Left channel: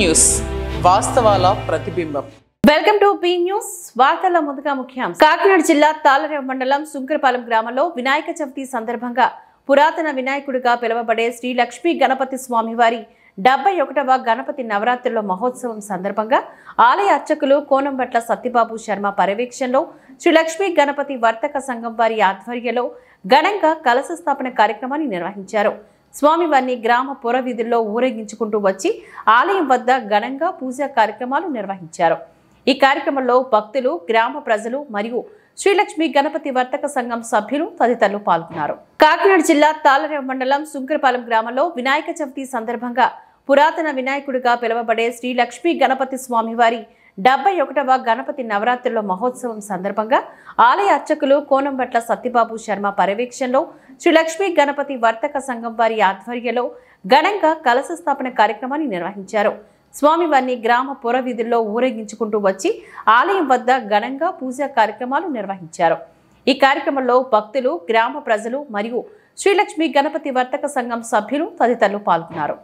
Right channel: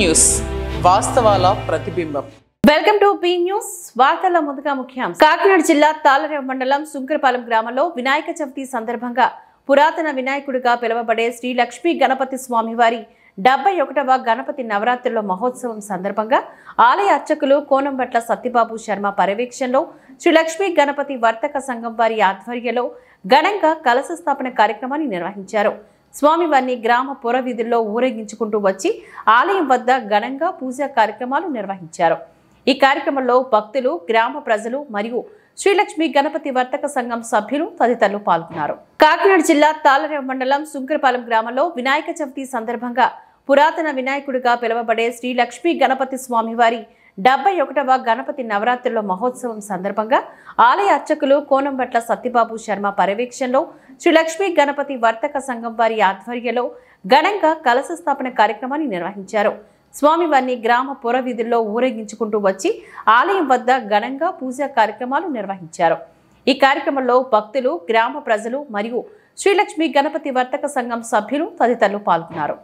News వాస్తవాల ప్రతిబింబం. Welcome to be news. వార్తల్లో ముందుగా ముఖ్యాంశాలు. కాకినాడ జిల్లా తాళరేవు మండలం సుంకరపాలెం గ్రామంలో వినాయక చవితి సందర్భంగా పురాతన వినాయకుడిగా పిలువబడే శ్రీ లక్ష్మీ గణపతి స్వామివారి 71వ గణపతి నవరాత్రుల మహోత్సవం సందర్భంగా ఆలయ అర్చకులు కోనంబట్ల సత్యబాబు శర్మ పర్యవేక్షణలో శ్రీ లక్ష్మీ గణపతి వర్తక సంఘం వారి ఆధ్వర్యంలో ఘనంగా కలశ స్థాపన కార్యక్రమాన్ని నిర్వహించారు. స్వామివారిని గ్రామ పుర వీధుల్లో ఊరేగించుకుంటూ వచ్చి ఆలయం వద్ద ఘనంగా పూజా కార్యక్రమాలు నిర్వహించారు. ఈ కార్యక్రమంలో భక్తులు, గ్రామ ప్రజలు మరియు శ్రీలక్ష్మి గణపతి వర్తక సంఘం సభ్యులు తదితరులు పాల్గొన్నారు. కాకినాడ జిల్లా తాళరేవు మండలం సుంకరపాలెం గ్రామంలో వినాయక చవితి సందర్భంగా పురాతన వినాయకుడిగా పిలువబడే శ్రీ లక్ష్మీ గణపతి స్వామివారి 71వ గణపతి నవరాత్రుల మహోత్సవం సందర్భంగా ఆలయ అర్చకులు కోనంబట్ల సత్యబాబు శర్మ పర్యవేక్షణలో శ్రీ లక్ష్మీ గణపతి వర్తక సంఘం వారి ఆధ్వర్యంలో ఘనంగా కలశ స్థాపన కార్యక్రమాన్ని నిర్వహించారు. స్వామివారిని గ్రామ పుర వీధుల్లో ఊరేగించుకుంటూ వచ్చి ఆలయం వద్ద ఘనంగా పూజా కార్యక్రమాలు నిర్వహించారు. ఈ కార్యక్రమంలో భక్తులు, గ్రామ ప్రజలు మరియు శ్రీలక్ష్మి గణపతి వర్తక సంఘం సభ్యులు తదితరులు పాల్గొన్నారు.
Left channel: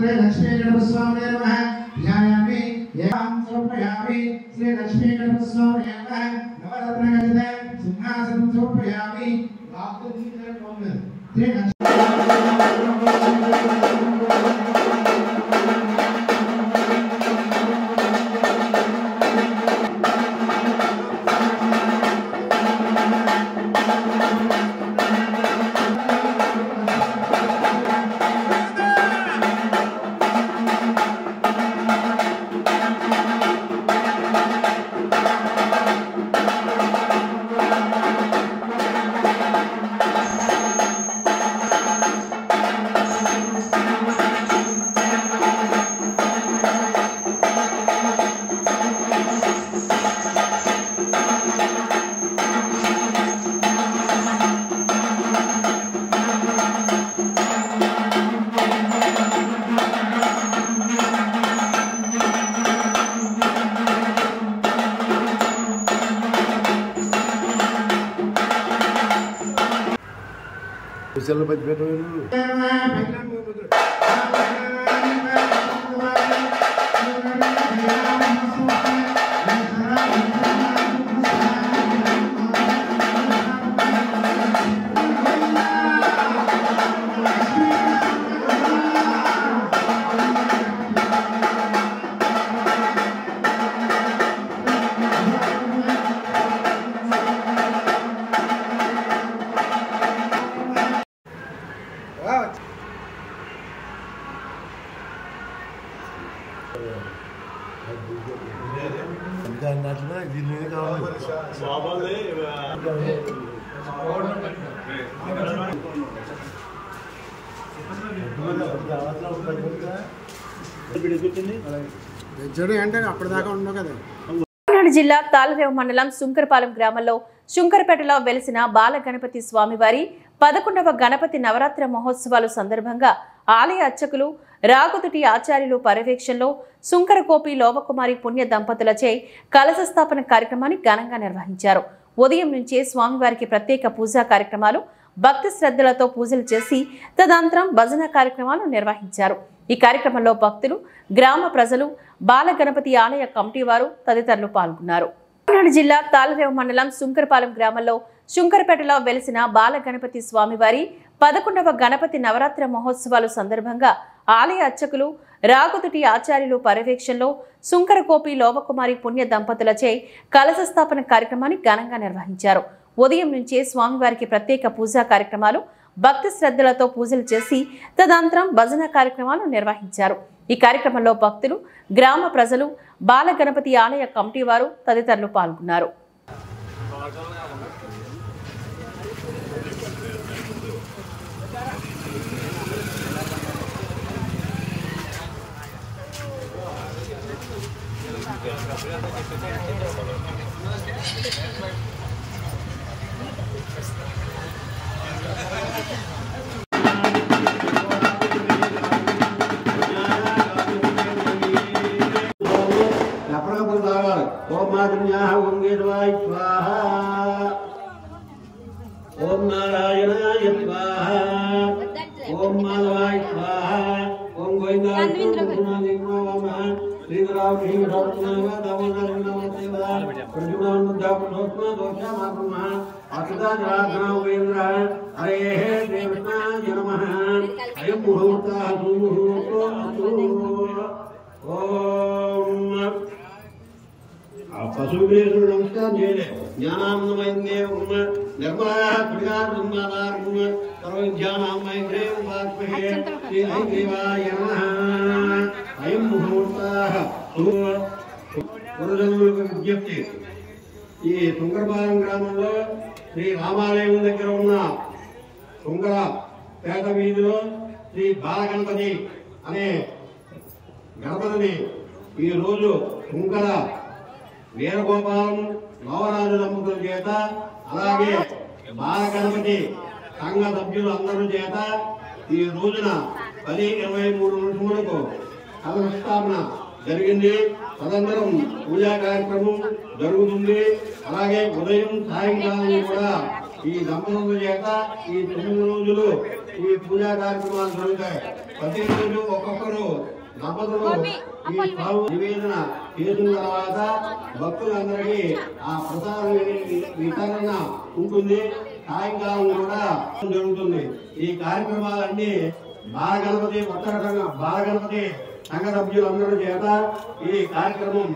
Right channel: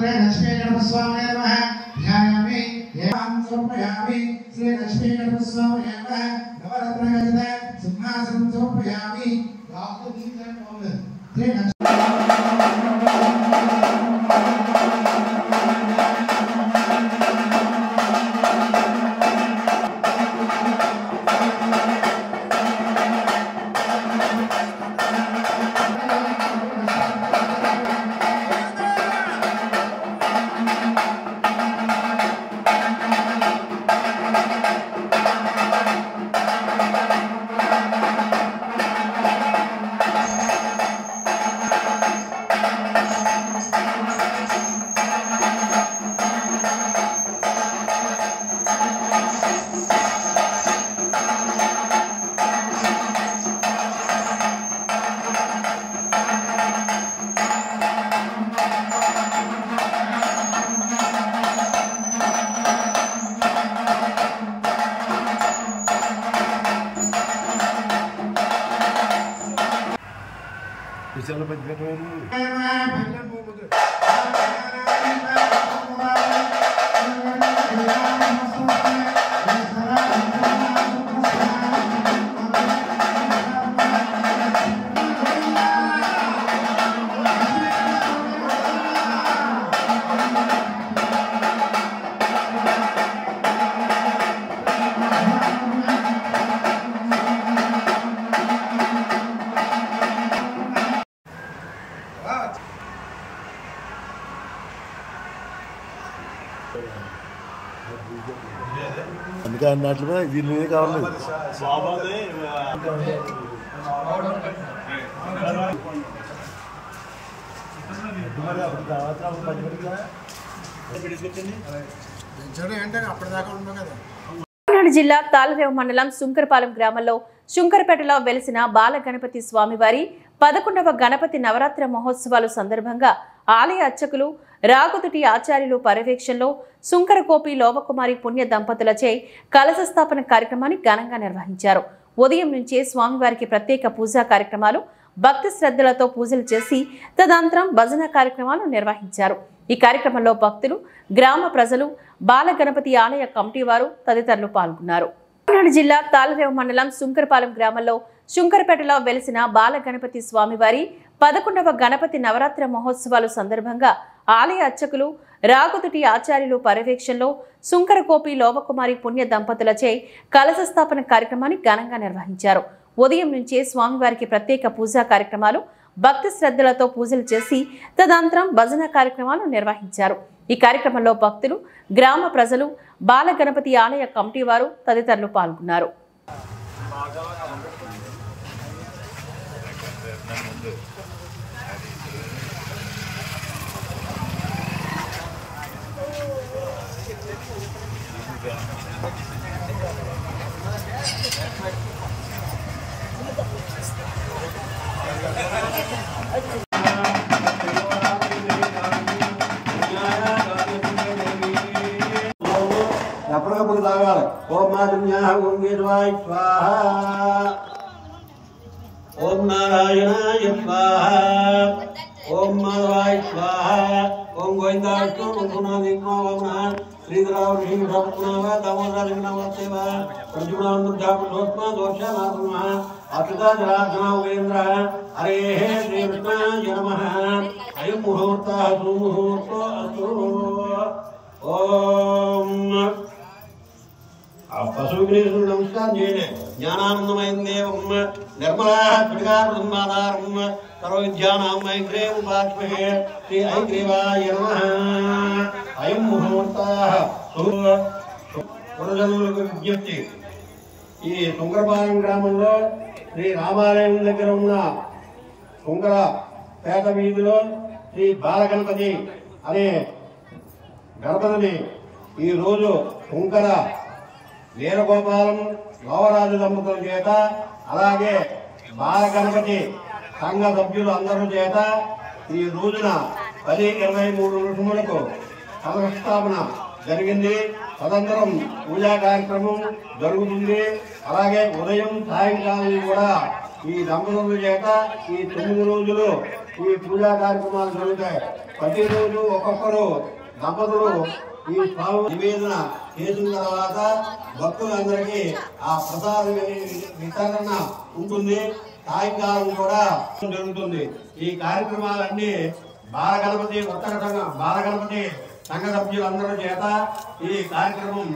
श्री लक्ष्मी गणपति स्वामी नमः ध्यायामि एवं समर्पयामि श्री लक्ष्मी गणपति स्वामी नमः नवरत्नगणित सिंहासनं समर्पयामि चलो बच बैठो అందుకే అన్నట్లుగా దీని కావాలి అంటే అప్పటిదాకా ఉన్నాం కదా. కాకినాడ జిల్లా తాళరేవు మండలం శుంకరపాలెం గ్రామంలో శుంకరపేటలో వెలిసిన బాల గణపతి స్వామివారి 11వ గణపతి నవరాత్రి మహోత్సవాల సందర్భంగా ఆలయ అర్చకులు రాగుతుటి ఆచార్యులు పర్యవేక్షణలో శుంకరకోపి లోవకుమారి పుణ్య దంపతులచే కలశ స్థాపన కార్యక్రమాన్ని ఘనంగా నిర్వహించారు. ఉదయం నుంచే స్వామివారికి ప్రత్యేక పూజా కార్యక్రమాలు భక్తి శ్రద్ధలతో పూజలు చేసి తదనంతరం భజన కార్యక్రమాలు నిర్వహించారు. ఈ కార్యక్రమంలో భక్తులు, గ్రామ ప్రజలు, బాల గణపతి ఆలయ కమిటీ వారు తదితరులు పాల్గొన్నారు. కాకినాడ జిల్లా తాళరేవు మండలం శుంకరపాలెం గ్రామంలో శుంకరపేటలో వెలిసిన బాల గణపతి స్వామివారి 11వ గణపతి నవరాత్రి మహోత్సవాల సందర్భంగా ఆలయ అర్చకులు రాగుతుటి ఆచార్యులు పర్యవేక్షణలో శుంకరకోపి లోవకుమారి పుణ్య దంపతులచే కలశ స్థాపన కార్యక్రమాన్ని ఘనంగా నిర్వహించారు. ఉదయం నుంచే స్వామివారికి ప్రత్యేక పూజా కార్యక్రమాలు భక్తి శ్రద్ధలతో పూజలు చేసి తదనంతరం భజన కార్యక్రమాలు నిర్వహించారు. ఈ కార్యక్రమంలో భక్తులు, గ్రామ ప్రజలు, బాల గణపతి ఆలయ కమిటీ వారు తదితరులు పాల్గొన్నారు. ओम नारायणाय स्वाहा ओम माधवाय स्वाहा ओम गोविंदाय स्वाहा श्रीराम श्री रत्नावा दामोदर नमः अर्जुनान मुद्दापनोत्मा दोषानात्मा अतुदा राघव वेंद्र हरे श्री कृष्णाय नमः अयं मुहूर्तः सुमुहूर्तो अस्तु ओम पशुग्रेषु नमस्कार जयले ज्ञानानंदमयं देवं निर्मलाः त्रिकालसम्मादारं सर्वविद्यानामैत्रेयं उपास्महे श्री ऐग्रीवाय नमः अयं मुहूर्तः पुरजनुలకు విజ్ఞప్తి ఈ శుంకరపాలెం గ్రామంలో శ్రీ రామాలయం దగ్గర ఉన్న శుంకరపేట వీధిలో శ్రీ బాలగణపతి అనే గణపతిని ఈ రోజు శుంకర వీరగోపాలం నవరాజు దంపతుల చేత అలాగే బాల గణపతి సంఘ సభ్యులు అందరూ చేత ఈ రోజున 10-23 నిమిషములకు కలశస్థాపన జరిగింది. తదనంతరం పూజా కార్యక్రమం జరుగుతుంది. అలాగే ఉదయం సాయంకాలం కూడా ఈ దంపతుల చేత ఈ 9 రోజులు ఈ పూజా కార్యక్రమాలు జరుగుతాయి. ప్రతిరోజు ఒక్కొక్కరు దంపతులు ఈ స్వామి నివేదన చేసిన తర్వాత భక్తులందరికీ ఆ ప్రసాద వితరణ ఉంటుంది. సాయంకాలం కూడా జరుగుతుంది. ఈ కార్యక్రమాలన్నీ బాలగణపతి సంఘ సభ్యులందరూ చేత ఈ కార్యక్రమం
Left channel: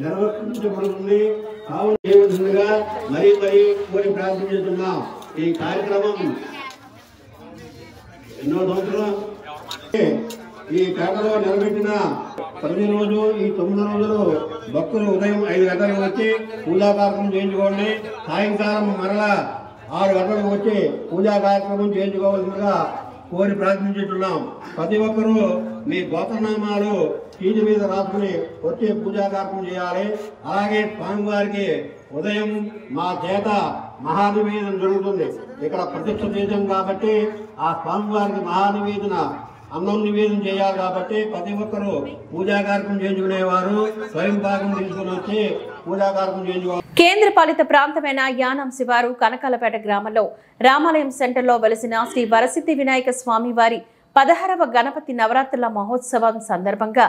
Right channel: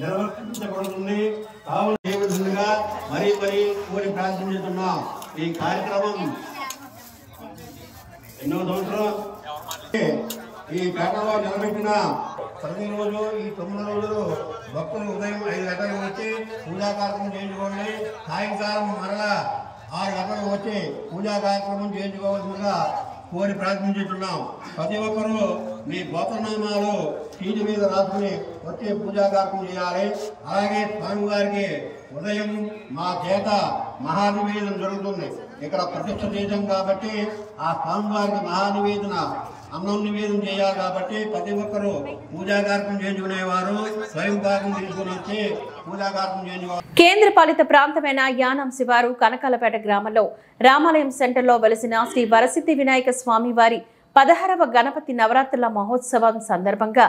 నిర్వర్తించబడుతుంది. కావున మరీ కోరి ప్రార్థించుతున్నాం. ఈ కార్యక్రమం ఎన్నో సంవత్సరం ఈ పేటలో నిలబెట్టిన ప్రతిరోజు ఈ 9 రోజులు భక్తులు ఉదయం 5 గంటలకు వచ్చి పూజా కార్యక్రమం చేయించుకోండి. సాయంకాలం మరలా 6 గంటలకు వచ్చి పూజా కార్యక్రమం చేయించుకోవాల్సిందిగా కోరి ప్రార్థించుతున్నాం. ప్రతి ఒక్కరూ మీ గోత్రనామాలు చీటి మీద రాసుకుని వచ్చి పూజా కార్యక్రమం చేయాలి. అలాగే స్వామివారికి ఉదయం మా చేత మహానివేదన జరుగుతుంది. ఇక్కడ ప్రతిష్ఠ చేశాం కాబట్టి ఆ స్వామివారికి మహానివేదన అన్నం నివేదన చేయాలి. కాబట్టి ప్రతి ఒక్కరూ పూజా కార్యక్రమం చేయించుకునేవారు స్వయం పాకం తీసుకుని వచ్చి పూజా కార్యక్రమం చేయించుకోవాలి. కేంద్ర పాలిత ప్రాంతమైన యానాం శివారు కనకాలపేట గ్రామంలో రామాలయం సెంటర్లో వెలిసిన శ్రీ వరసిద్ధి వినాయక స్వామి వారి 16వ గణపతి నవరాత్రుల మహోత్సవం సందర్భంగా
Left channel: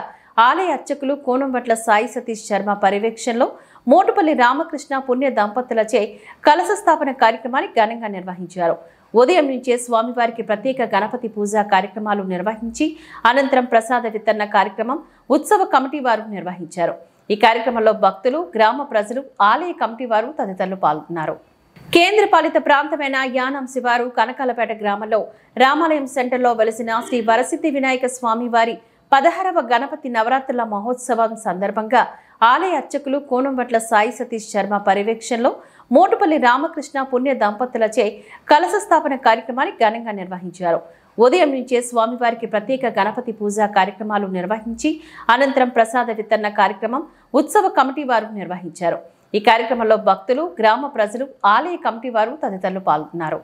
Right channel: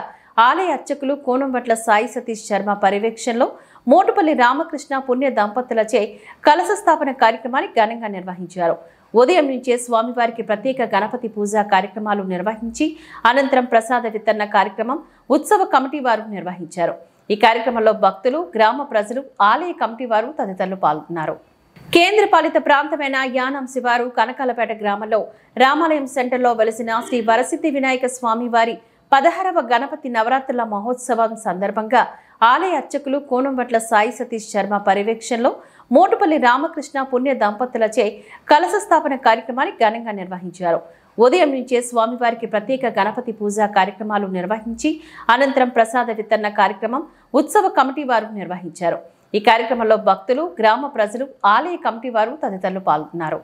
ఆలయ అర్చకులు కోనంబట్ల సాయి సతీష్ శర్మ పర్యవేక్షణలో మోటుపల్లి రామకృష్ణ పుణ్య దంపతులచే కలశ స్థాపన కార్యక్రమాన్ని ఘనంగా నిర్వహించారు. ఉదయం నుంచే స్వామివారికి ప్రత్యేక గణపతి పూజా కార్యక్రమాలు నిర్వహించి అనంతరం ప్రసాద వితరణ కార్యక్రమం ఉత్సవ కమిటీ వారు నిర్వహించారు. ఈ కార్యక్రమంలో భక్తులు, గ్రామ ప్రజలు, ఆలయ కమిటీ వారు తదితరులు పాల్గొన్నారు. కేంద్ర పాలిత ప్రాంతమైన యానాం శివారు కనకాలపేట గ్రామంలో రామాలయం సెంటర్లో వెలిసిన శ్రీ వరసిద్ధి వినాయక స్వామి వారి 16వ గణపతి నవరాత్రుల మహోత్సవం సందర్భంగా ఆలయ అర్చకులు కోనంబట్ల సాయి సతీష్ శర్మ పర్యవేక్షణలో మోటుపల్లి రామకృష్ణ పుణ్య దంపతులచే కలశ స్థాపన కార్యక్రమాన్ని ఘనంగా నిర్వహించారు. ఉదయం నుంచే స్వామివారికి ప్రత్యేక గణపతి పూజా కార్యక్రమాలు నిర్వహించి అనంతరం ప్రసాద వితరణ కార్యక్రమం ఉత్సవ కమిటీ వారు నిర్వహించారు. ఈ కార్యక్రమంలో భక్తులు, గ్రామ ప్రజలు, ఆలయ కమిటీ వారు తదితరులు పాల్గొన్నారు.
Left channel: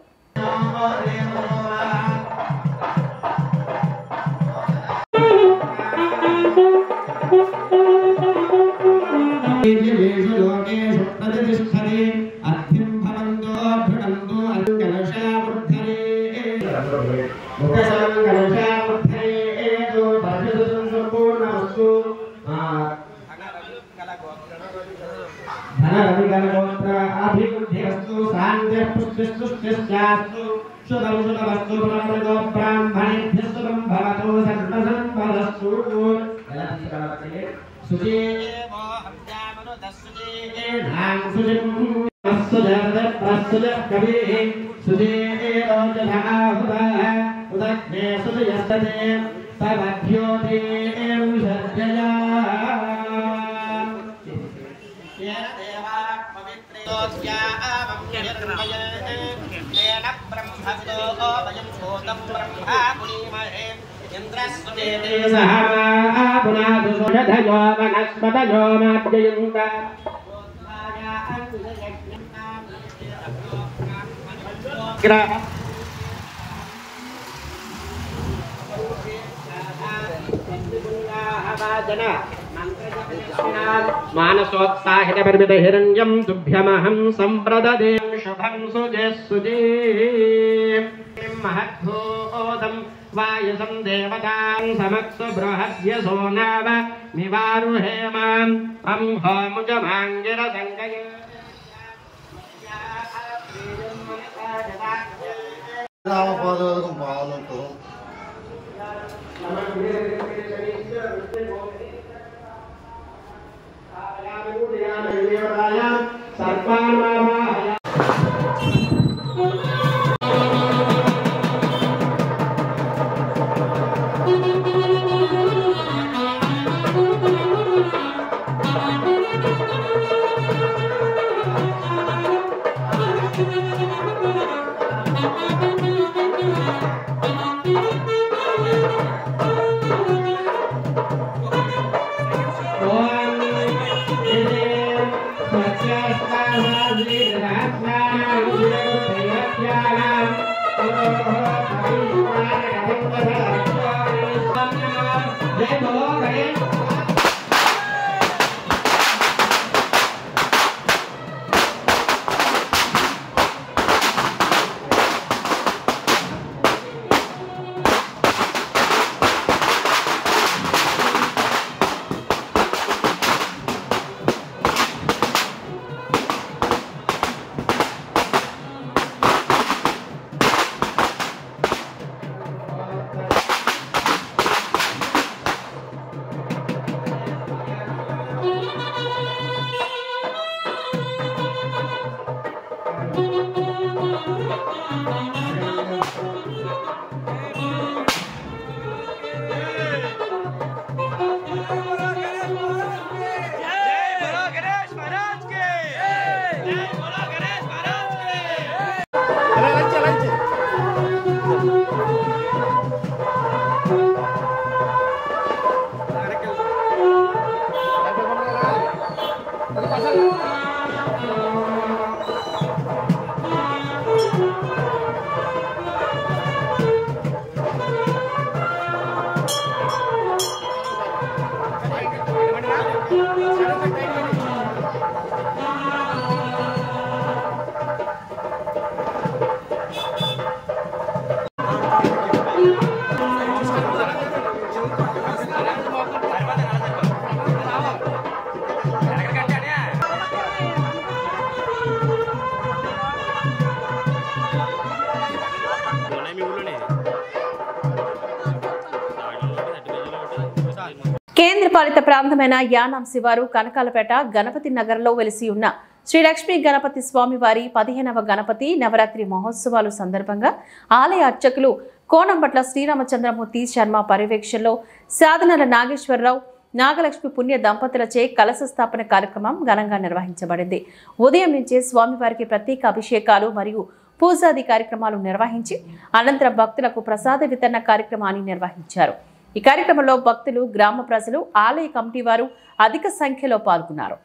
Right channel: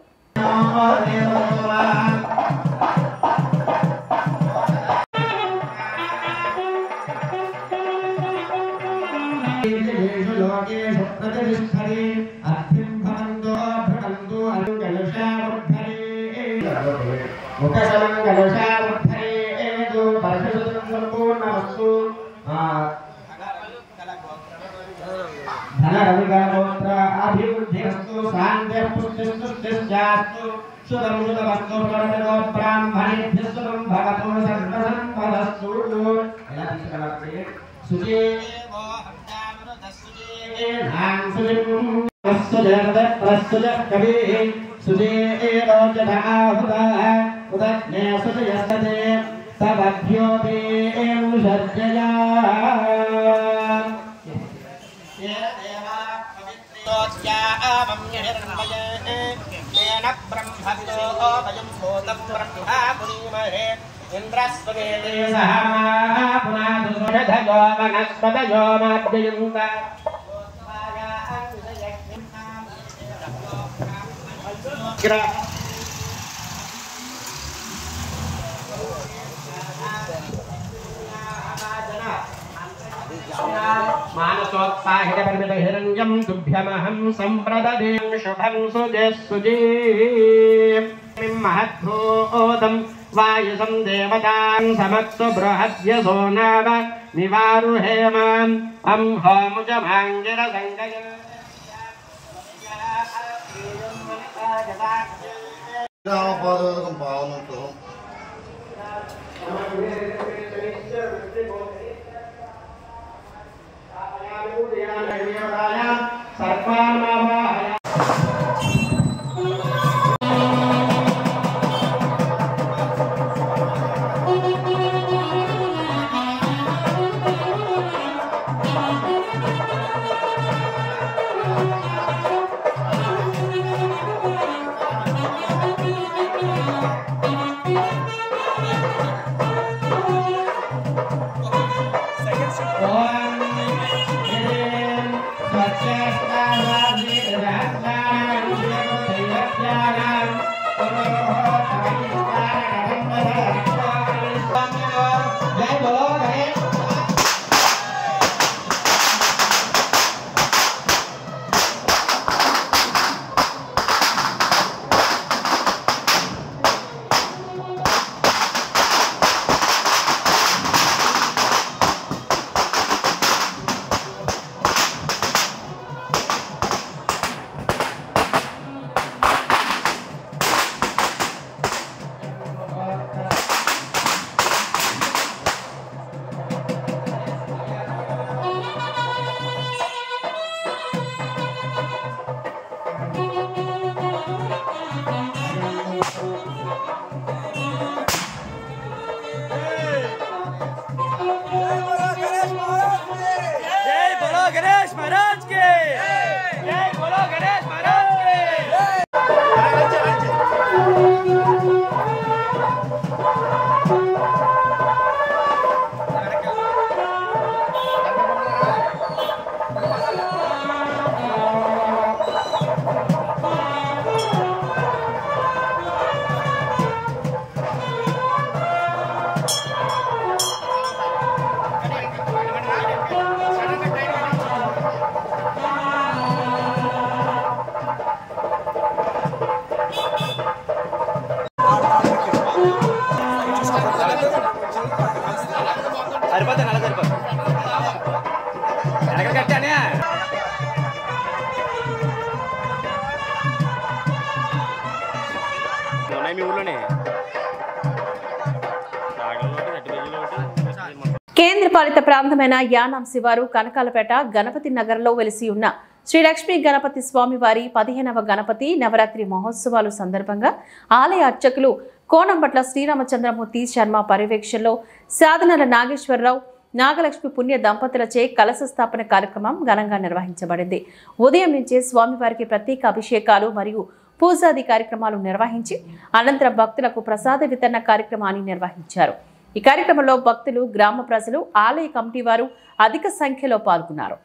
मानसोत्साहित परिमित हिरण्यं तुभ्यमहं संप्रददे शुभं सुजे महद्भूतं वायुसं देवतां समक्तु बृहद्यसो नाम निवारुहेमाम् अंहोमुजमाङ्गिरसङ्गय రామపాదం పావనం కేంద్రపాలిత ప్రాంతమైన యానాం శివారు కనకాలపేట గణపతి నగర్లో వెలిసి ఉన్న శ్రీ లక్ష్మీ గణపతి స్వామివారి 15వ గణపతి నవరాత్రి మహోత్సవాలు సందర్భంగా ఆలయ అర్చకులు కోనంపట్ల శ్రీరామచంద్రమూర్తి శర్మ పర్యవేక్షణలో సాధనల నాగేశ్వరరావు నాగలక్ష్మి పుణ్య దంపతులచే కలశ స్థాపన కార్యక్రమం ఘనంగా నిర్వహించబడింది. ఉదయం నుంచే స్వామివారికి ప్రత్యేక అభిషేకాలు మరియు పూజాది కార్యక్రమాలు నిర్వహించి అనంతరం భక్తులకు ప్రసాద వితరణ కార్యక్రమాన్ని నిర్వహించారు. ఈ కార్యక్రమంలో భక్తులు, గ్రామ ప్రజలు, ఆలయ కమిటీ వారు అధిక సంఖ్యలో పాల్గొన్నారు.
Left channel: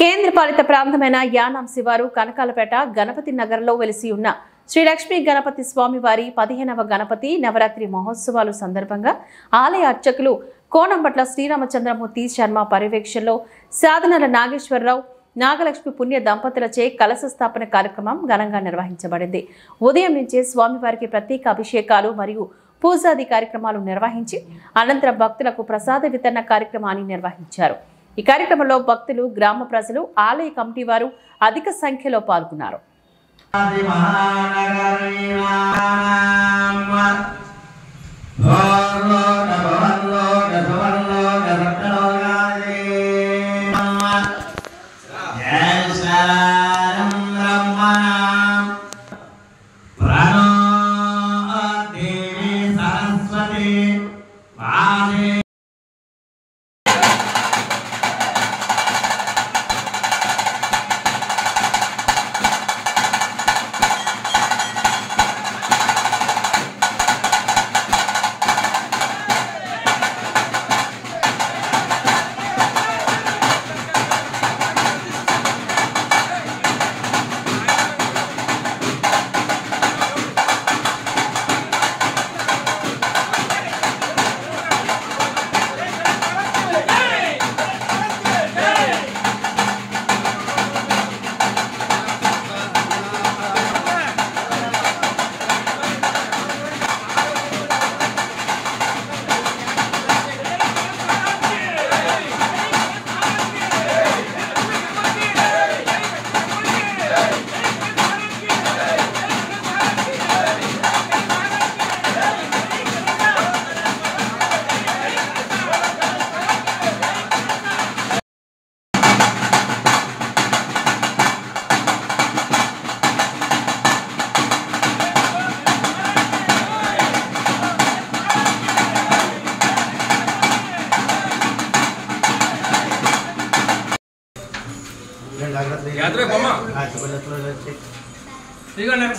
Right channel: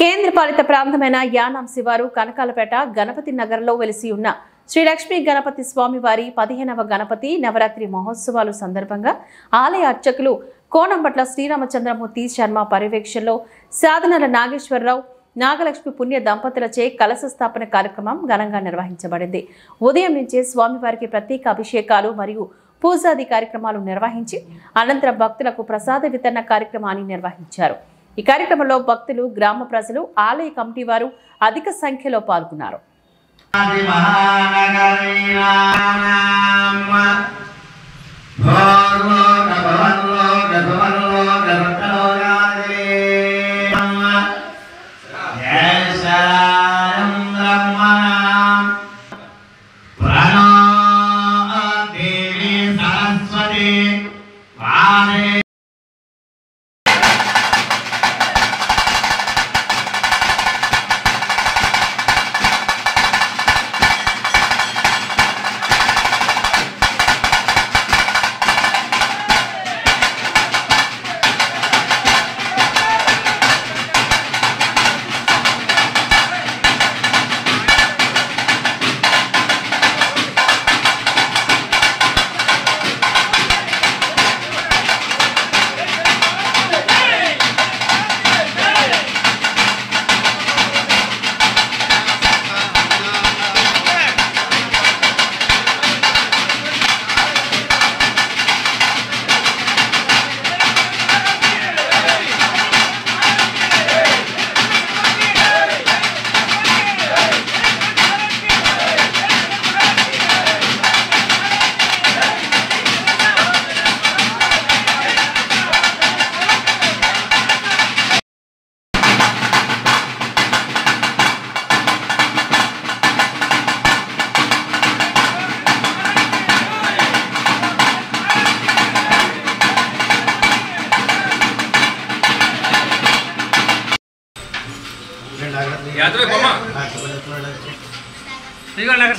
కేంద్రపాలిత ప్రాంతమైన యానాం శివారు కనకాలపేట గణపతి నగర్లో వెలిసి ఉన్న శ్రీ లక్ష్మీ గణపతి స్వామి వారి 15వ గణపతి నవరాత్రి మహోత్సవాలు సందర్భంగా ఆలయ అర్చకులు కోనంబట్ల శ్రీరామచంద్రమూర్తి శర్మ పర్యవేక్షణలో సాధనల నాగేశ్వరరావు, నాగలక్ష్మి పుణ్య దంపతులచే కలశ స్థాపన కార్యక్రమం ఘనంగా నిర్వహించబడింది. ఉదయం నుంచే స్వామివారికి ప్రత్యేక అభిషేకాలు మరియు పూజాది కార్యక్రమాలు నిర్వహించి అనంతరం భక్తులకు ప్రసాద వితరణ కార్యక్రమాన్ని నిర్వహించారు. ఈ కార్యక్రమంలో భక్తులు, గ్రామ ప్రజలు, ఆలయ కమిటీ వారు అధిక సంఖ్యలో పాల్గొన్నారు.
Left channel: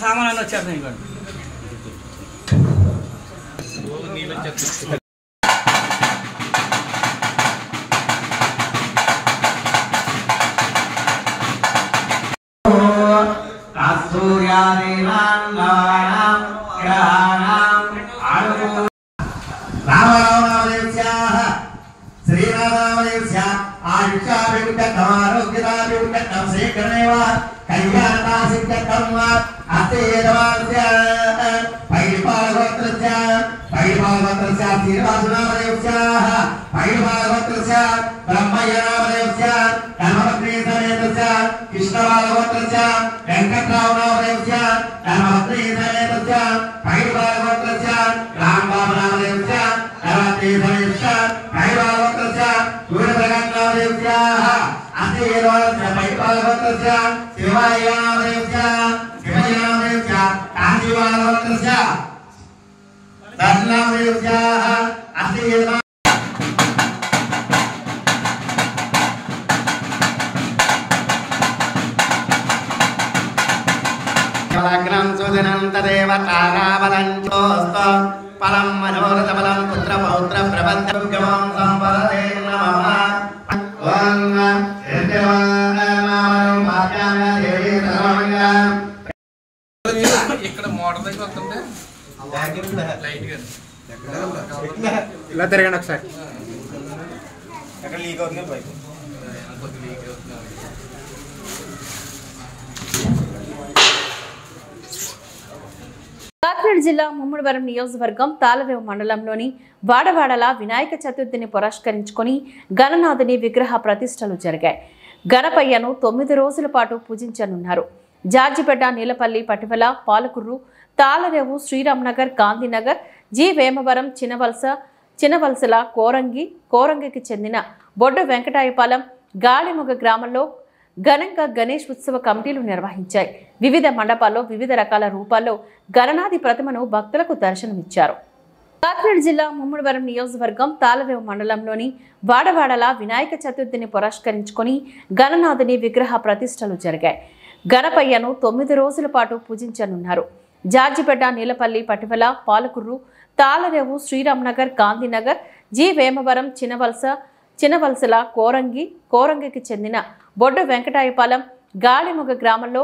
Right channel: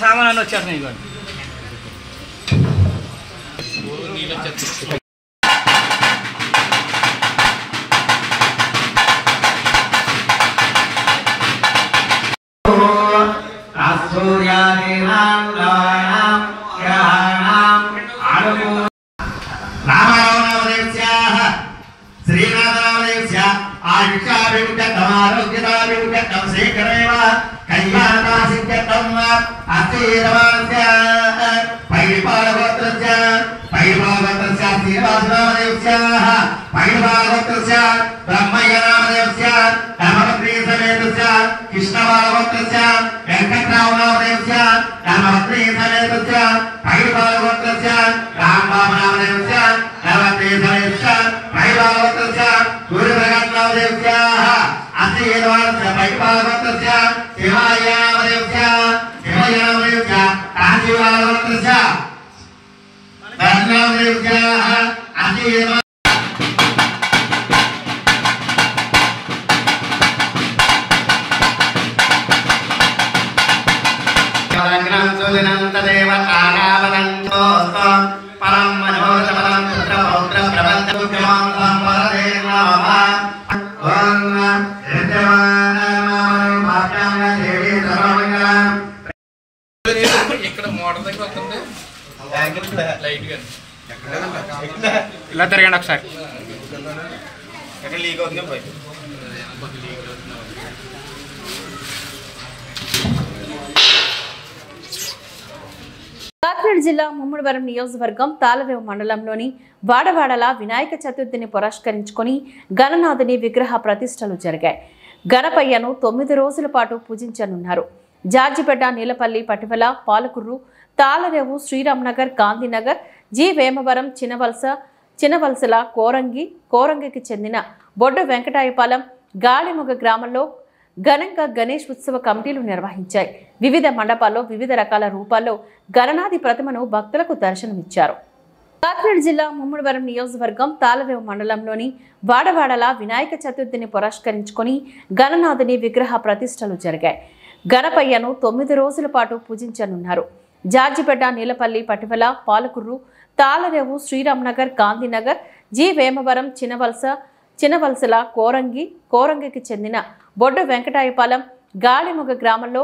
సామాన్లు వచ్చేస్తున్నాయి. ఇలా తిరగండి ఒకసారి. కాకినాడ జిల్లా ముమ్మడివరం నియోజకవర్గం తాళరేవు మండలంలోని వాడవాడల వినాయక చతుర్థిని పురస్కరించుకొని గణనాథుని విగ్రహ ప్రతిష్టలు జరిగాయి. గణపయ్యను 9 రోజుల పాటు పూజించనున్నారు. జార్జిపేట, నీలపల్లి, పటివల, పాలకుర్రు, తాళరేవు, శ్రీరామ్నగర్, గాంధీనగర్, జి వేమవరం, చినవలసల, కోరంగికి చెందిన బొడ్డు వెంకటాయపాలెం, గాలిమొగ గ్రామంలో ఘనంగా గణేష్ ఉత్సవ కమిటీలు నిర్వహించాయి. వివిధ మండపాల్లో వివిధ రకాల రూపాల్లో గణనాథి ప్రతిమను భక్తులకు దర్శనమిచ్చారు. కాకినాడ జిల్లా ముమ్మడివరం నియోజకవర్గం తాళరేవు మండలంలోని వాడవాడల వినాయక చతుర్థిని పురస్కరించుకొని గణనాథుని విగ్రహ ప్రతిష్టలు జరిగాయి. గణపయ్యను 9 రోజుల పాటు పూజించనున్నారు. జార్జిపేట, నీలపల్లి, పటివల, పాలకుర్రు, తాళరేవు, శ్రీరామ్నగర్, గాంధీనగర్, జి వేమవరం, చినవలసల, కోరంగికి చెందిన బొడ్డు వెంకటాయపాలెం, గాలిమొగ గ్రామంలో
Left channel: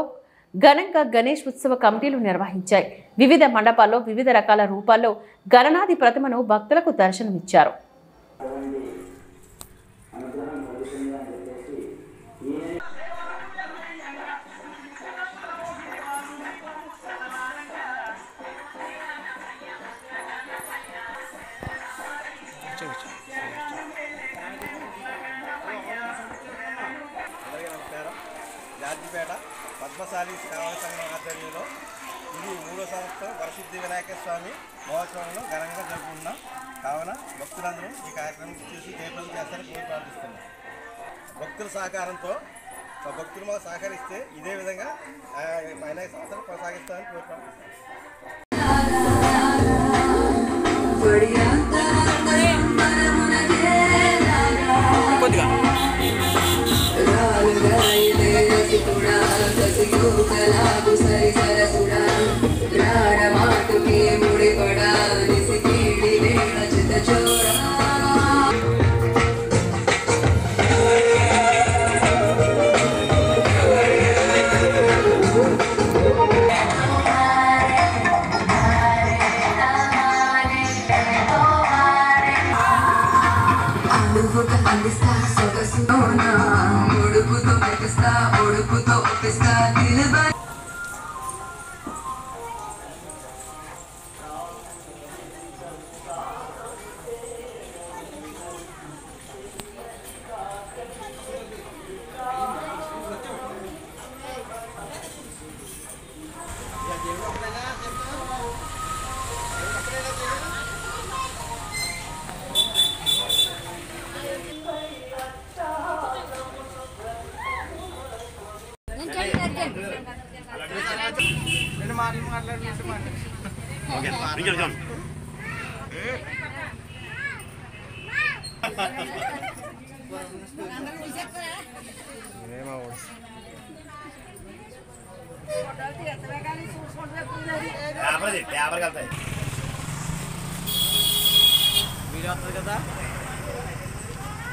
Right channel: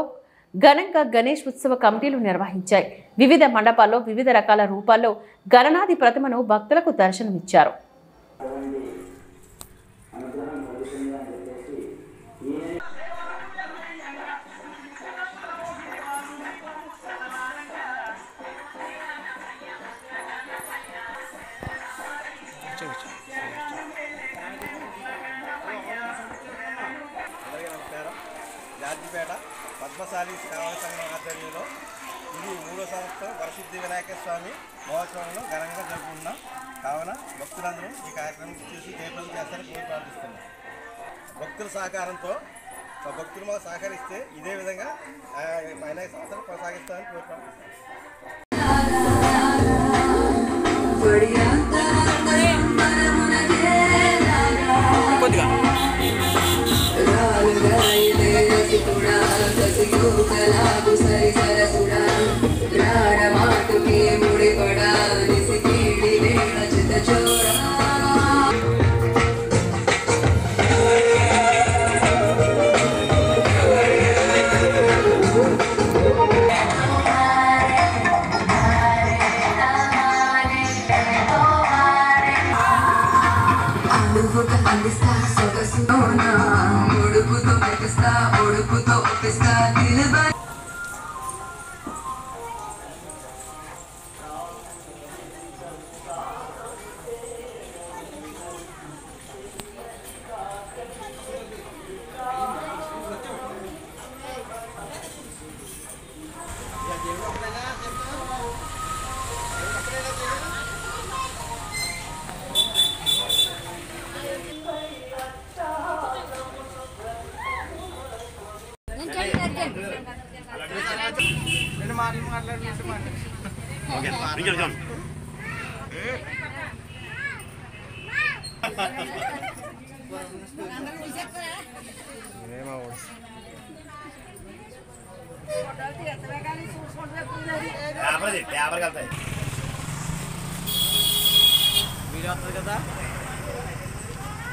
ఘనంగా గణేష్ ఉత్సవ కమిటీలు నిర్వహించాయి. వివిధ మండపాల్లో వివిధ రకాల రూపాల్లో గణనాథి ప్రతిమను భక్తులకు దర్శనమిచ్చారు. జార్జిపేట పద్మశాలి సేవా సంఘం ఆధ్వర్యంలో ఇది 3వ సంవత్సరం వరసిద్ధి వినాయక స్వామి మహోత్సవంలో ఘనంగా జరుపుకుంటున్నాం. కావున భక్తులందరూ ఈ కార్యక్రమం చూసి జయప్రదం చేస్తారని కోరి ప్రార్థిస్తున్నాం. భక్తుల సహకారంతో భక్తులు మాకు సహకరిస్తే ఇదే విధంగా వినాయక సంవత్సరం కొనసాగిస్తామని కోరి ప్రార్థిస్తున్నాం.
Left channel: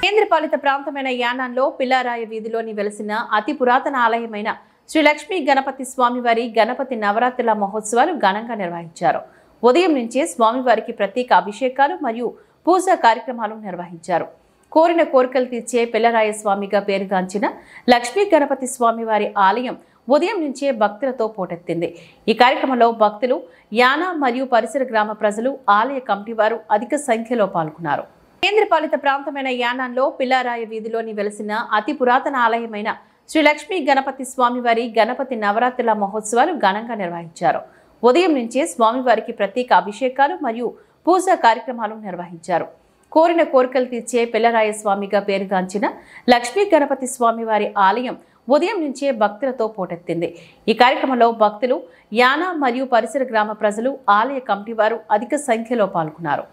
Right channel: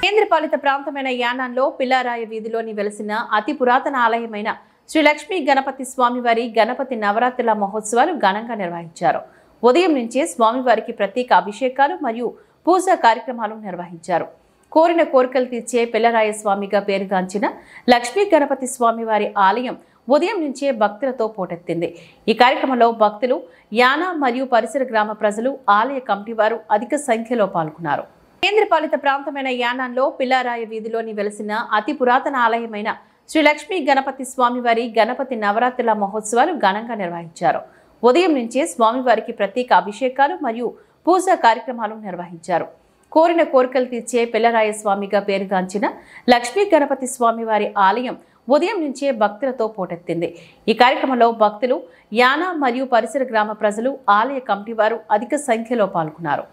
కేంద్రపాలిత ప్రాంతమైన యానాంలో పిల్లారాయ వీధిలోని వెలసిన అతి పురాతన ఆలయమైన శ్రీ లక్ష్మీ గణపతి స్వామివారి గణపతి నవరాత్రుల మహోత్సవాలు ఘనంగా నిర్వహించారు. ఉదయం నుంచే స్వామివారికి ప్రత్యేక అభిషేకాలు మరియు పూజా కార్యక్రమాలు నిర్వహించారు. కోరిన కోరికలు తీర్చే పిల్లరాయ స్వామిగా పేరుగాంచిన లక్ష్మీ గణపతి స్వామివారి ఆలయం ఉదయం నుంచే భక్తులతో పోటెత్తింది. ఈ కార్యక్రమంలో భక్తులు, యానా మరియు పరిసర గ్రామ ప్రజలు, ఆలయ కమిటీ వారు అధిక సంఖ్యలో పాల్గొన్నారు. కేంద్రపాలిత ప్రాంతమైన యానాంలో పిల్లారాయ వీధిలోని వెలసిన అతి పురాతన ఆలయమైన శ్రీ లక్ష్మీ గణపతి స్వామివారి గణపతి నవరాత్రుల మహోత్సవాలు ఘనంగా నిర్వహించారు. ఉదయం నుంచే స్వామివారికి ప్రత్యేక అభిషేకాలు మరియు పూజా కార్యక్రమాలు నిర్వహించారు. కోరిన కోరికలు తీర్చే పిల్లరాయ స్వామిగా పేరుగాంచిన లక్ష్మీ గణపతి స్వామివారి ఆలయం ఉదయం నుంచే భక్తులతో పోటెత్తింది. ఈ కార్యక్రమంలో భక్తులు, యానా మరియు పరిసర గ్రామ ప్రజలు, ఆలయ కమిటీ వారు అధిక సంఖ్యలో పాల్గొన్నారు.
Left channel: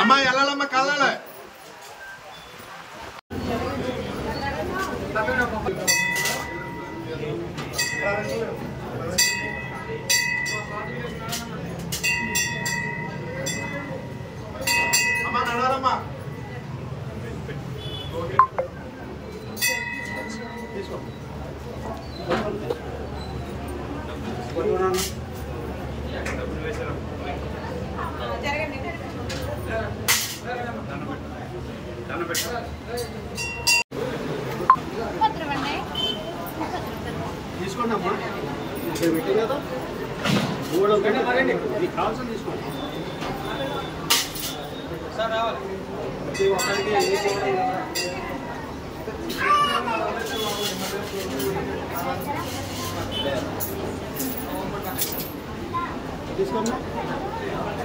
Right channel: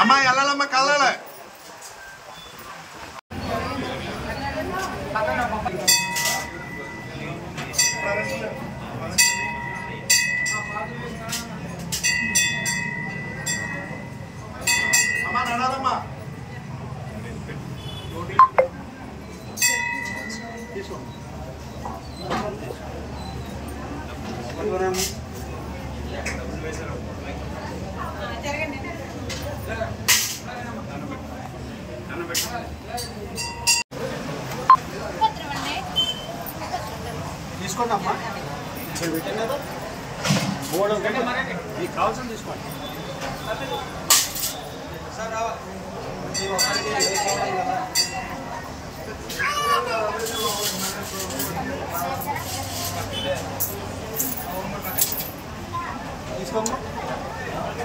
అమ్మా వెళ్ళాలమ్మ కళ్ళాలి. అమ్మా నడాలమ్మా. తీసుకో. తీసుకోండి అమ్మా. పెట్టాం కదా బోర్డు మీకు కావాల్సింది తీసుకోండి.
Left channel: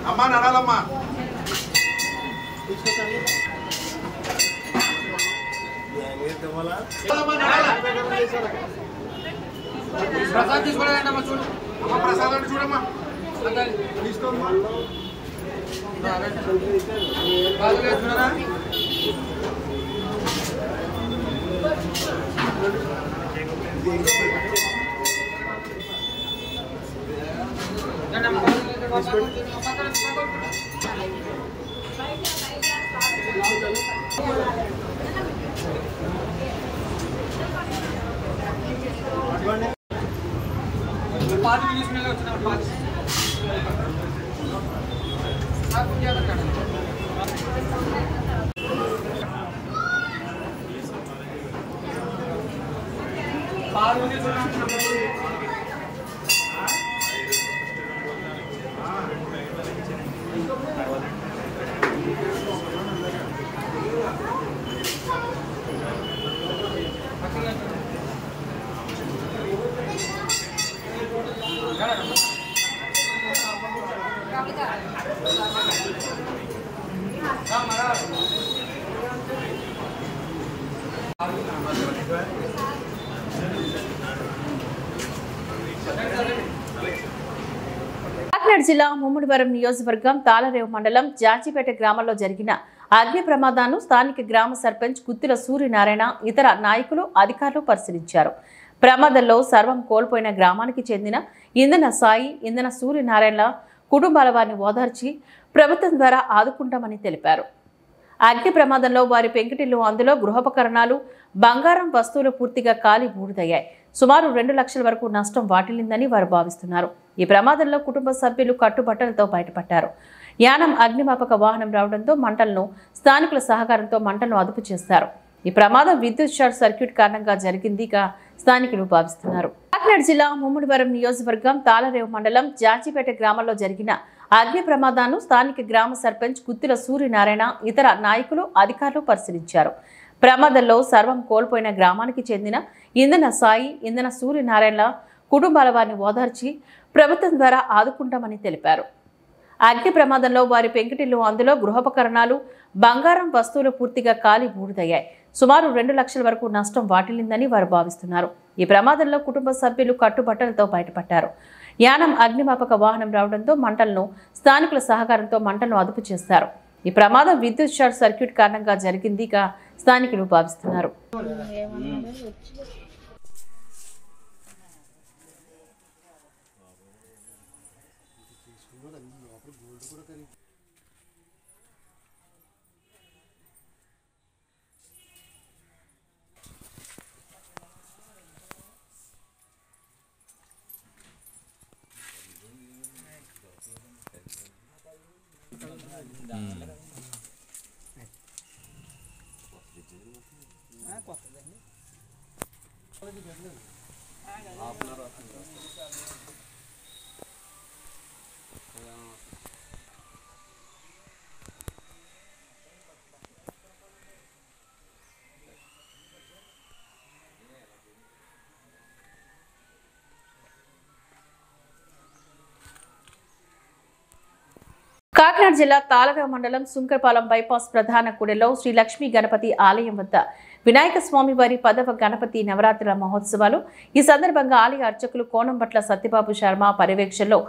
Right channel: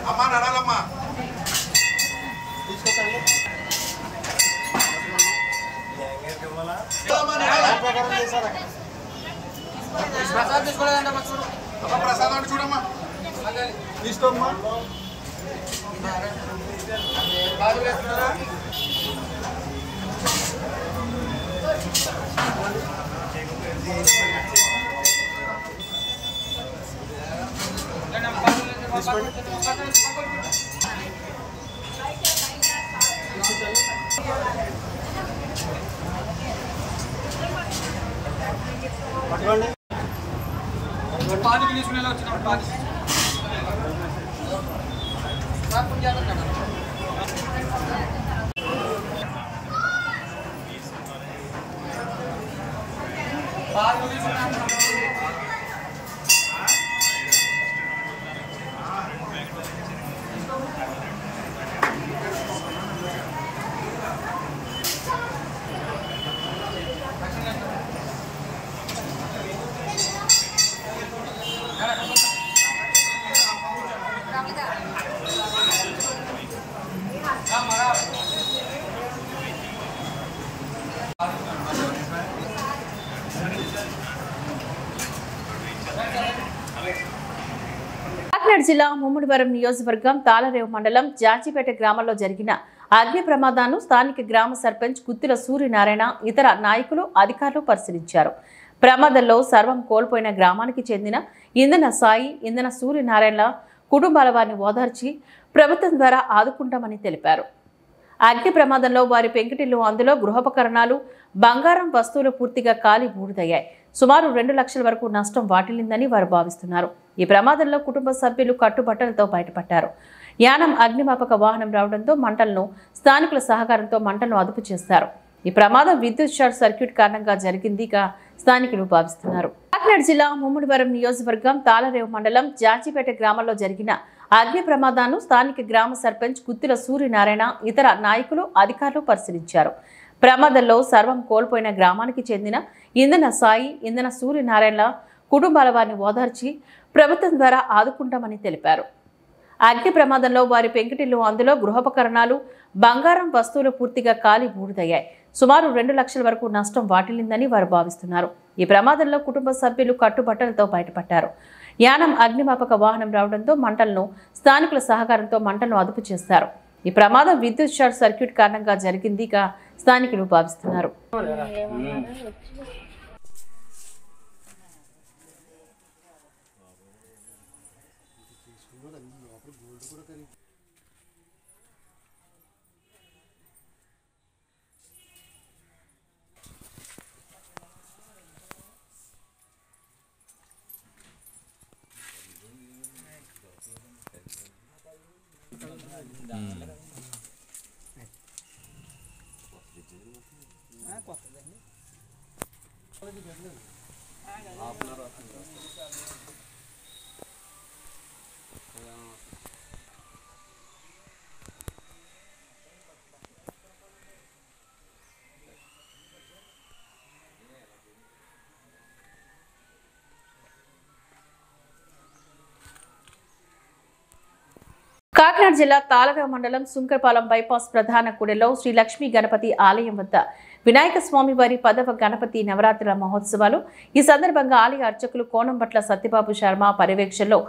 అమ్మా నడాలమ్మా తీసుకొచ్చాను ప్రసాద్ తీసుకోండి ప్రసాద్ అంటే చూడమ్మా తీసుకోమ్మా చూడరా పాదికి తీసుకునేలా వచ్చిన పాది కాకినాడ జిల్లా ముమ్మడివరం నియోజకవర్గం తాళరేవు మండలం జాజిపేట గ్రామంలో జరిగిన అగ్ని ప్రమాదాన్ని స్థానిక గ్రామ సర్పంచ్ గుత్తిల సూర్యనారాయణ ఇతర నాయకులు అధికారులు పరిశీలించారు. ప్రమాదంలో సర్వం కోల్పోయిన గ్రామానికి చెందిన ఇంధన సాయి ఇంధన సూర్యనారాయణ కుటుంబాల వారిని ఓదార్చి ప్రభుత్వం ద్వారా ఆదుకుంటామని తెలిపారు. అగ్ని ప్రమాదంలో వారి పెంకిటిల్లు అందులో గృహోపకరణాలు బంగారం వస్తువులు పూర్తిగా కాలి బూడిదయ్యాయి. సుమారు 2 లక్షల వరకు నష్టం వాటిల్లిందని వారు భావిస్తున్నారు. ఈ ప్రమాదంలో కుటుంబ సభ్యులు కట్టుబట్టలతో బయటపడ్డారు. యానం అగ్నిమాపక వాహనం రావడంతో మంటలను స్థానికుల సహకారంతో మంటలను అదుపు చేశారు. ఈ ప్రమాదం విద్యుత్ షార్ట్ సర్క్యూట్ కారణంగా జరిగిందిగా స్థానికులు భావిస్తున్నారు. కాకినాడ జిల్లా ముమ్మడివరం నియోజకవర్గం తాళరేవు మండలం జాజిపేట గ్రామంలో జరిగిన అగ్ని ప్రమాదాన్ని స్థానిక గ్రామ సర్పంచ్ గుత్తిల సూర్యనారాయణ ఇతర నాయకులు అధికారులు పరిశీలించారు. ప్రమాదంలో సర్వం కోల్పోయిన గ్రామానికి చెందిన ఇంధన సాయి ఇంధన సూర్యనారాయణ కుటుంబాల వారిని ఓదార్చి ప్రభుత్వం ద్వారా ఆదుకుంటామని తెలిపారు. అగ్ని ప్రమాదంలో వారి పెంకిటిల్లు అందులో గృహోపకరణాలు బంగారం వస్తువులు పూర్తిగా కాలి బూడిదయ్యాయి. సుమారు 2 లక్షల వరకు నష్టం వాటిల్లిందని వారు భావిస్తున్నారు. ఈ ప్రమాదంలో కుటుంబ సభ్యులు కట్టుబట్టలతో బయటపడ్డారు. యానం అగ్నిమాపక వాహనం రావడంతో మంటలను స్థానికుల సహకారంతో మంటలను అదుపు చేశారు. ఈ ప్రమాదం విద్యుత్ షార్ట్ సర్క్యూట్ కారణంగా జరిగిందిగా స్థానికులు భావిస్తున్నారు. కాకినాడ జిల్లా తాళరేవు మండలం సుంకరపాలెం బైపాస్ ప్రధాన కూడలిలో శ్రీ లక్ష్మీ గణపతి ఆలయం వద్ద వినాయక స్వామి వారి 10వ గణపతి నవరాత్రుల మహోత్సవాలు. ఈ సందర్భంగా ఆలయ అర్చకులు కోనంబట్ల సత్యబాబు శర్మ పర్యవేక్షణలో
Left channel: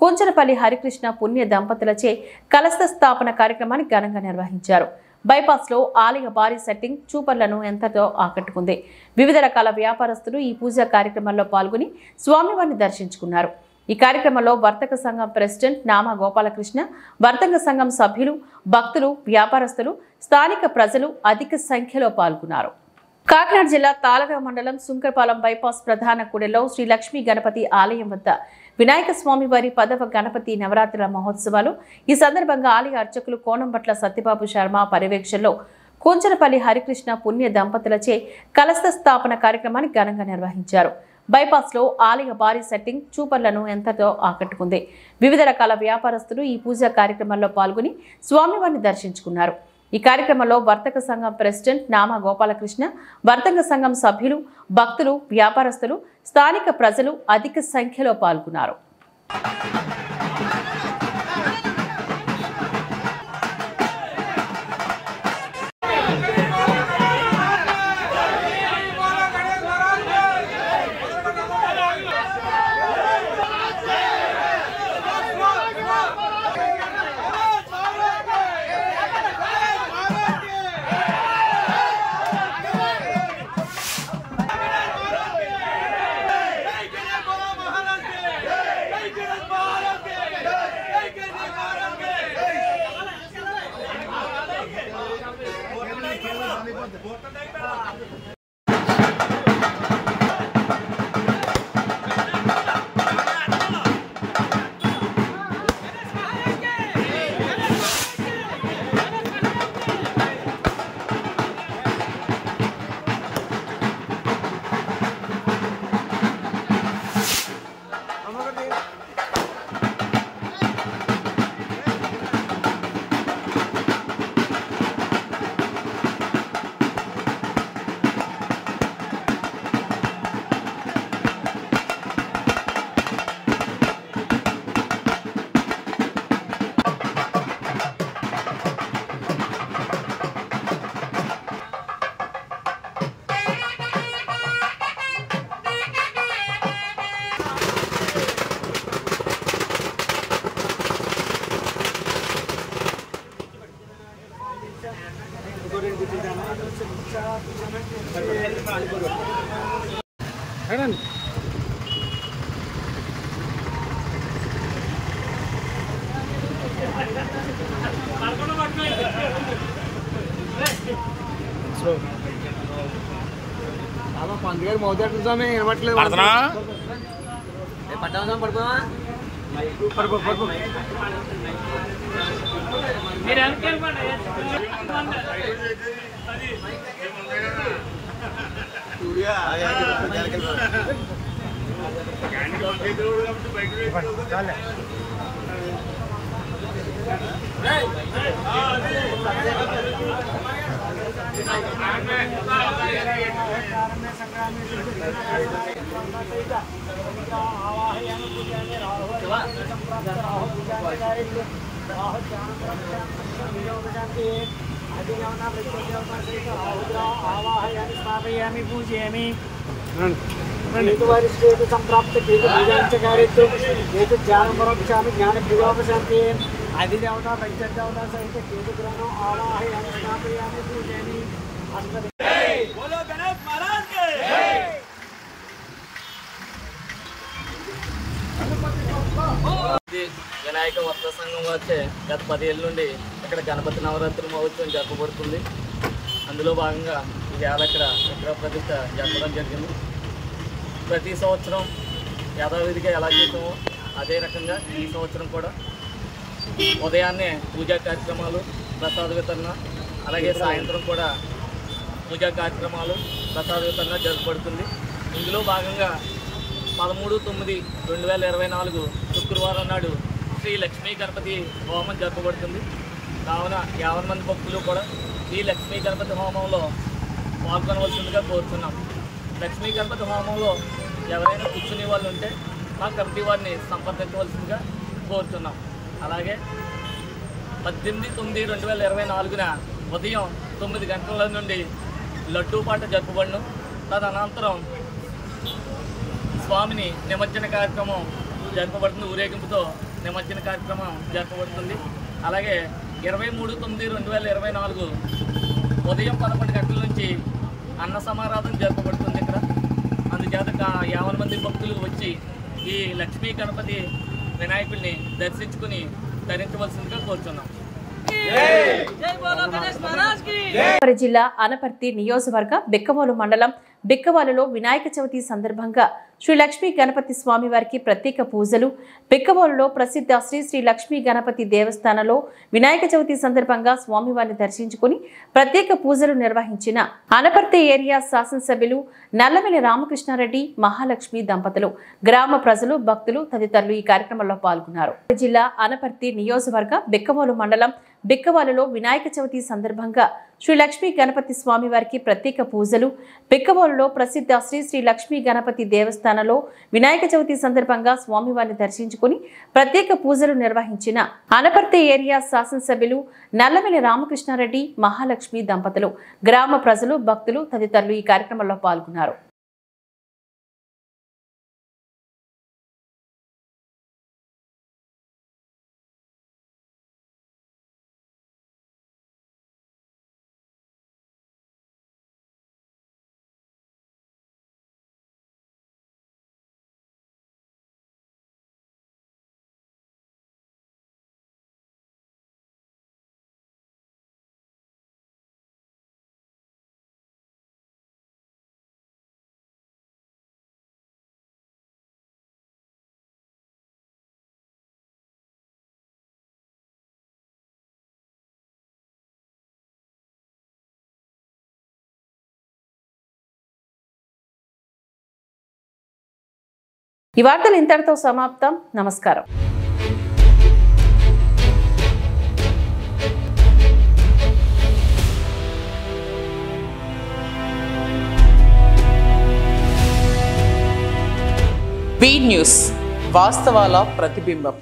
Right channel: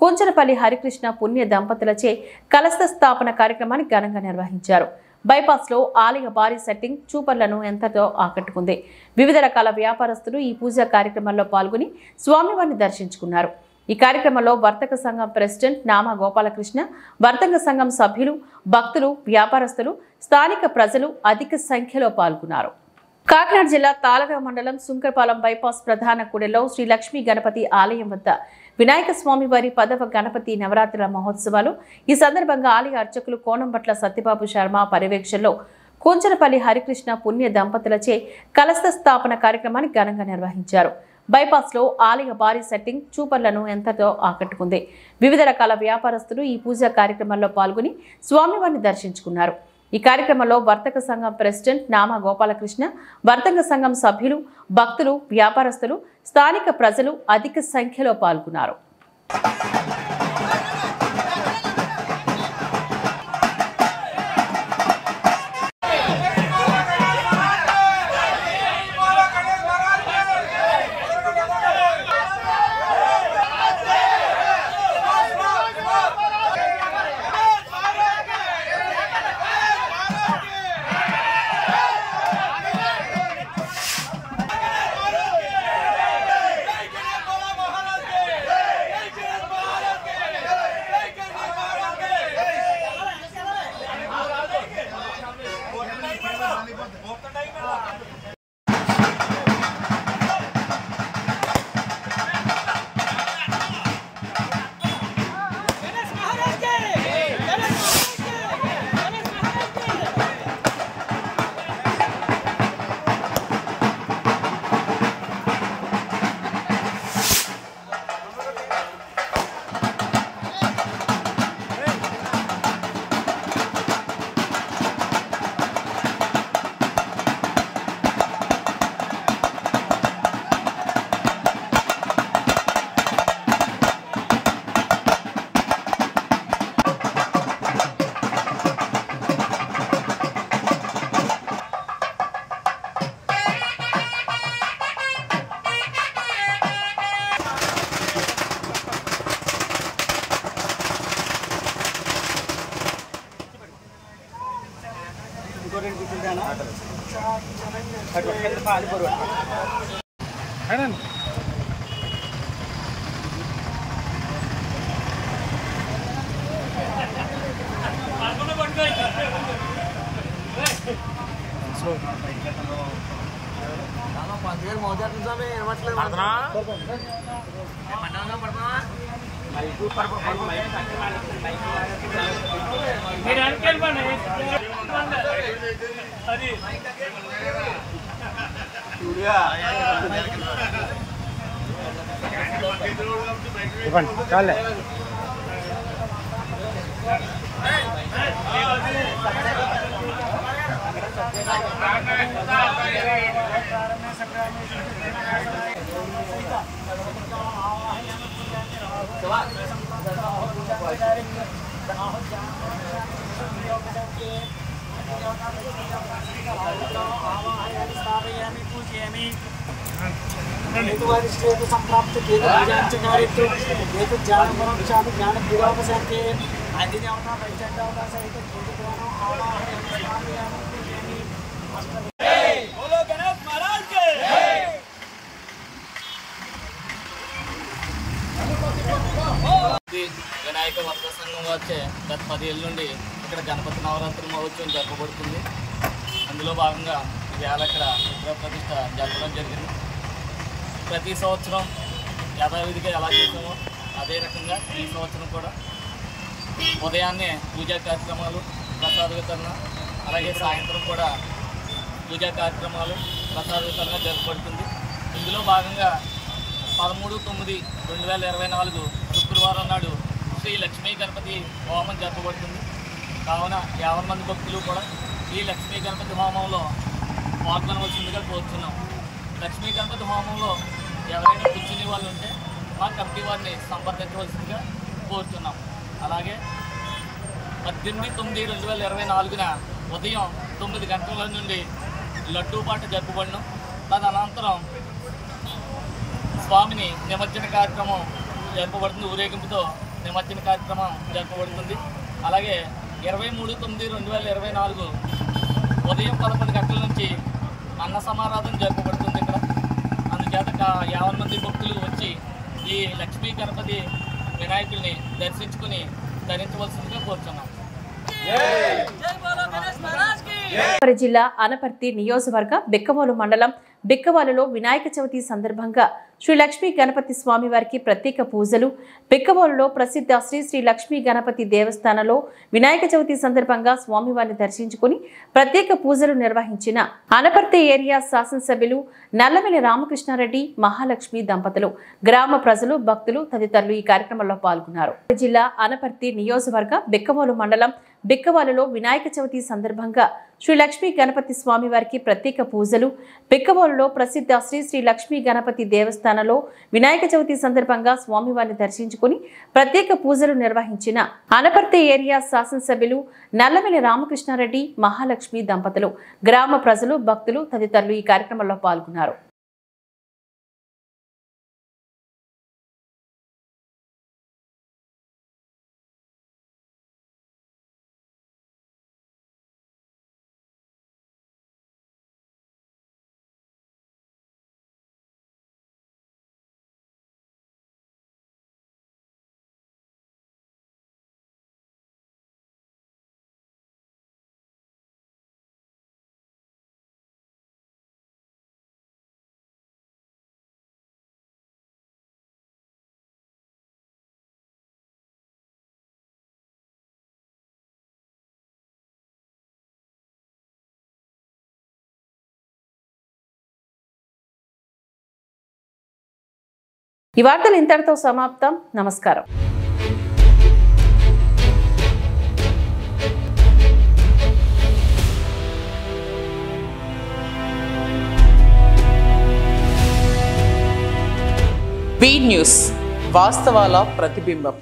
కుంచనపల్లి హరికృష్ణ పుణ్య దంపతులచే కలశ స్థాపన కార్యక్రమాన్ని ఘనంగా నిర్వహించారు. బైపాస్ లో ఆలయ భారీ సెట్టింగ్ చూపర్లను ఎంతతో ఆకట్టుకుంది. వివిధ రకాల వ్యాపారస్తులు ఈ పూజా కార్యక్రమంలో పాల్గొని స్వామివారిని దర్శించుకున్నారు. ఈ కార్యక్రమంలో వర్తక సంఘం ప్రెసిడెంట్ నామా గోపాలకృష్ణ, వర్తక సంఘం సభ్యులు, భక్తులు, వ్యాపారస్తులు, స్థానిక ప్రజలు అధిక సంఖ్యలో పాల్గొన్నారు. కాకినాడ జిల్లా తాళరేవు మండలం సుంకరపాలెం బైపాస్ ప్రధాన కూడలిలో శ్రీ లక్ష్మీ గణపతి ఆలయం వద్ద వినాయక స్వామి వారి 10వ గణపతి నవరాత్రుల మహోత్సవాలు. ఈ సందర్భంగా ఆలయ అర్చకులు కోనంబట్ల సత్యబాబు శర్మ పర్యవేక్షణలో కుంచనపల్లి హరికృష్ణ పుణ్య దంపతులచే కలశ స్థాపన కార్యక్రమాన్ని ఘనంగా నిర్వహించారు. బైపాస్ లో ఆలయ భారీ సెట్టింగ్ చూపర్లను ఎంతతో ఆకట్టుకుంది. వివిధ రకాల వ్యాపారస్తులు ఈ పూజా కార్యక్రమంలో పాల్గొని స్వామివారిని దర్శించుకున్నారు. ఈ కార్యక్రమంలో వర్తక సంఘం ప్రెసిడెంట్ నామా గోపాలకృష్ణ, వర్తక సంఘం సభ్యులు, భక్తులు, వ్యాపారస్తులు, స్థానిక ప్రజలు అధిక సంఖ్యలో పాల్గొన్నారు. వినాయక వర్త సంఘం వచ్చే గత 10 ఏళ్ళ నుండి ఇక్కడ గణపతి నవరాత్రి మహోత్సవం జరపబడుతుంది. అందులో భాగంగా ఈవేళ ఇక్కడ విగ్రహ ప్రతిష్ఠ జరపడం జరిగింది. ప్రతి సంవత్సరం యథావిధిగా ఎలా చేసామో అదే రకంగా ఈ సంవత్సరం కూడా ఉదయాన్నే పూజా కార్యక్రమాలు, ప్రసాద వితరణ, అలాగే సాయంత్రం కూడా పూజా కార్యక్రమాలు, ప్రసాద వితరణ జరపబడుతుంది. ఇందులో భాగంగా 13/9/2024 శుక్రవారం నాడు శ్రీ లక్ష్మీ గణపతి హోమం జరపబడుతుంది. కావున 50 మంది భక్తులు కూడా ఈ లక్ష్మీ గణపతి హోమంలో పాల్గొనవలసిందిగా కోరుతున్నాం. లక్ష్మీ గణపతి హోమంలో ఎవరైనా కూర్చునే వాళ్ళు ఉంటే మా కమిటీ వారిని సంప్రదించవలసిందిగా కోరుతున్నాం. అలాగే 18/9/2024 ఉదయం 9 గంటల నుండి లడ్డూ పాట జరపబడును. తదనంతరం స్వామిని నిమజ్జన కార్యక్రమం జరపబడుతుంది. ఊరేగింపుతో నిమజ్జన కార్యక్రమం జరపబడుతుంది. అలాగే 23/9/2024 ఉదయం 11 గంటల నుంచి అన్న సమారాధన జరపబడుతుంది. ఇక్కడ అందుచేత 50 మంది భక్తులు వచ్చి ఈ లక్ష్మీ గణపతి వినాయకుడిని దర్శించుకుని ధరించవలసిందిగా కోరుతున్నాం. జిల్లా అనపర్తి నియోజకవర్గ బిక్కవోలు మండలం బిక్కవాలులో వినాయక చవితి సందర్భంగా శ్రీ లక్ష్మీ గణపతి స్వామి వారికి ప్రత్యేక పూజలు. బిక్కవాలులో ప్రసిద్ధ శ్రీ శ్రీ లక్ష్మీ గణపతి దేవస్థానంలో వినాయక చవితి సందర్భంగా స్వామివారిని దర్శించుకుని ప్రత్యేక పూజలు నిర్వహించిన అనపర్తి ఏరియా శాసనసభ్యులు నల్లమిల్లి రామకృష్ణారెడ్డి, మహాలక్ష్మి దంపతులు, గ్రామ ప్రజలు, భక్తులు తదితరులు ఈ కార్యక్రమంలో పాల్గొన్నారు. జిల్లా అనపర్తి నియోజకవర్గ బిక్కవాలు మండలం బిక్కవాలులో వినాయక చవితి సందర్భంగా శ్రీ లక్ష్మీ గణపతి స్వామి వారికి ప్రత్యేక పూజలు. బిక్కవాలులో ప్రసిద్ధ శ్రీ శ్రీ లక్ష్మీ గణపతి దేవస్థానంలో వినాయక చవితి సందర్భంగా స్వామివారిని దర్శించుకుని ప్రత్యేక పూజలు నిర్వహించిన అనపర్తి ఏరియా శాసనసభ్యులు నల్లమిల్లి రామకృష్ణారెడ్డి, మహాలక్ష్మి దంపతులు, గ్రామ ప్రజలు, భక్తులు తదితరులు ఈ కార్యక్రమంలో పాల్గొన్నారు. ఈ వార్తలు ఇంతటితో సమాప్తం. నమస్కారం. బీ న్యూస్, వాస్తవాల ప్రతిబింబం.